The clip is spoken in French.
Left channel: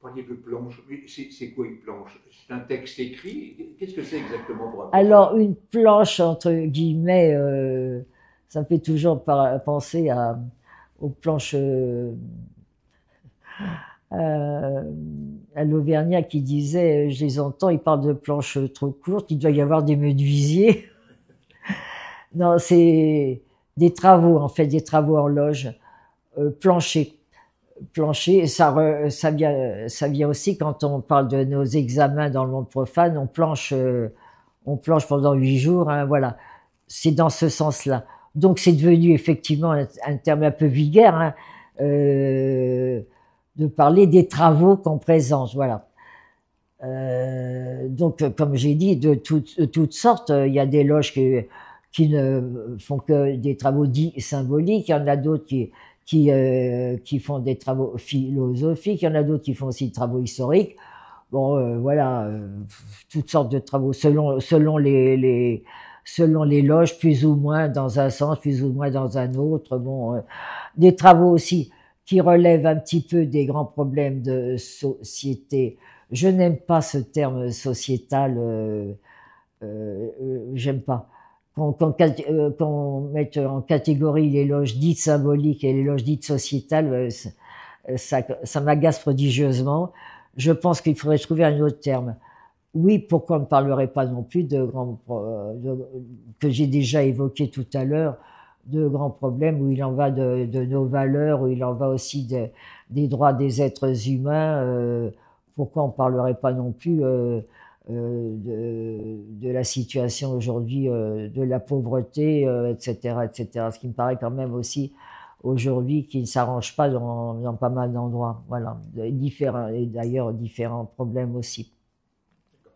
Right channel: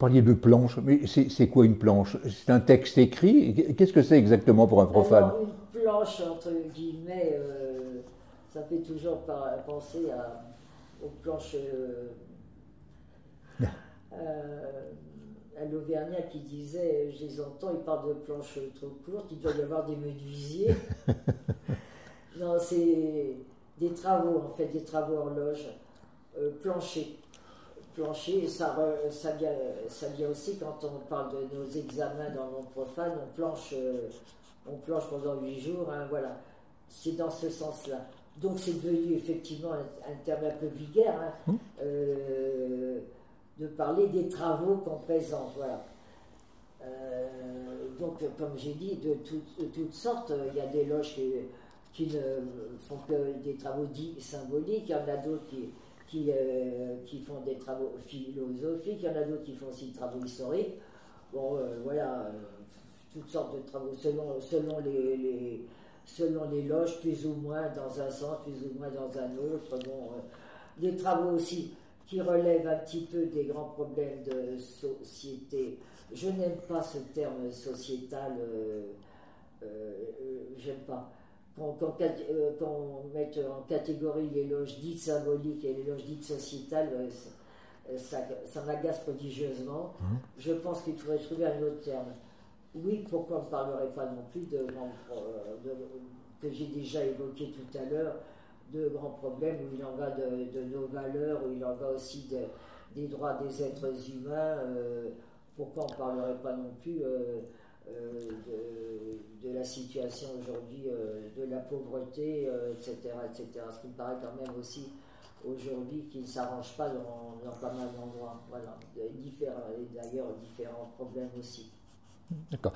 parliez de planche, mais c'est quoi une planche? C'est un texte écrit? Qu'est-ce que c'est exactement pour un profane? Alors, une planche, entre guillemets, ça me fait toujours penser aux planches euh, à l'Auvergnat qui disait, je les entends, ils parlent de planches trop courtes, il doit y avoir des menuisiers. Non, c'est des travaux, en fait, des travaux horloges, planchers. Plancher, ça vient aussi quand on parle de nos examens dans le monde profane, on planche pendant 8 jours, hein, voilà. C'est dans ce sens-là. Donc c'est devenu effectivement un terme un peu vulgaire, hein, euh, de parler des travaux qu'on présente, voilà. Donc, comme j'ai dit, de toutes sortes, il y a des loges qui ne font que des travaux dits symboliques, il y en a d'autres qui font des travaux philosophiques, il y en a d'autres qui font aussi des travaux historiques. Bon, voilà, toutes sortes de travaux selon les loges, plus ou moins dans un sens, plus ou moins dans un autre. Bon, des travaux aussi qui relèvent un petit peu des grands problèmes de société. Je n'aime pas ce terme sociétal, j'aime pas. Qu'on mette en catégorie les loges dites symboliques et les loges dites sociétales, ça m'agace prodigieusement. Je pense qu'il faudrait trouver un autre terme. Oui, pourquoi on ne parlerait pas non plus que j'ai déjà évoqué tout à l'heure, de grands problèmes où il en va de nos valeurs, où il en va aussi des droits des êtres humains. Pourquoi on ne parlerait pas non plus de la situation aujourd'hui, de la pauvreté, etc., etc. Ce qui me paraît quand même aussi aujourd'hui qui ne s'arrange pas dans pas mal d'endroits. Voilà, différents, et d'ailleurs différents problèmes aussi. D'accord.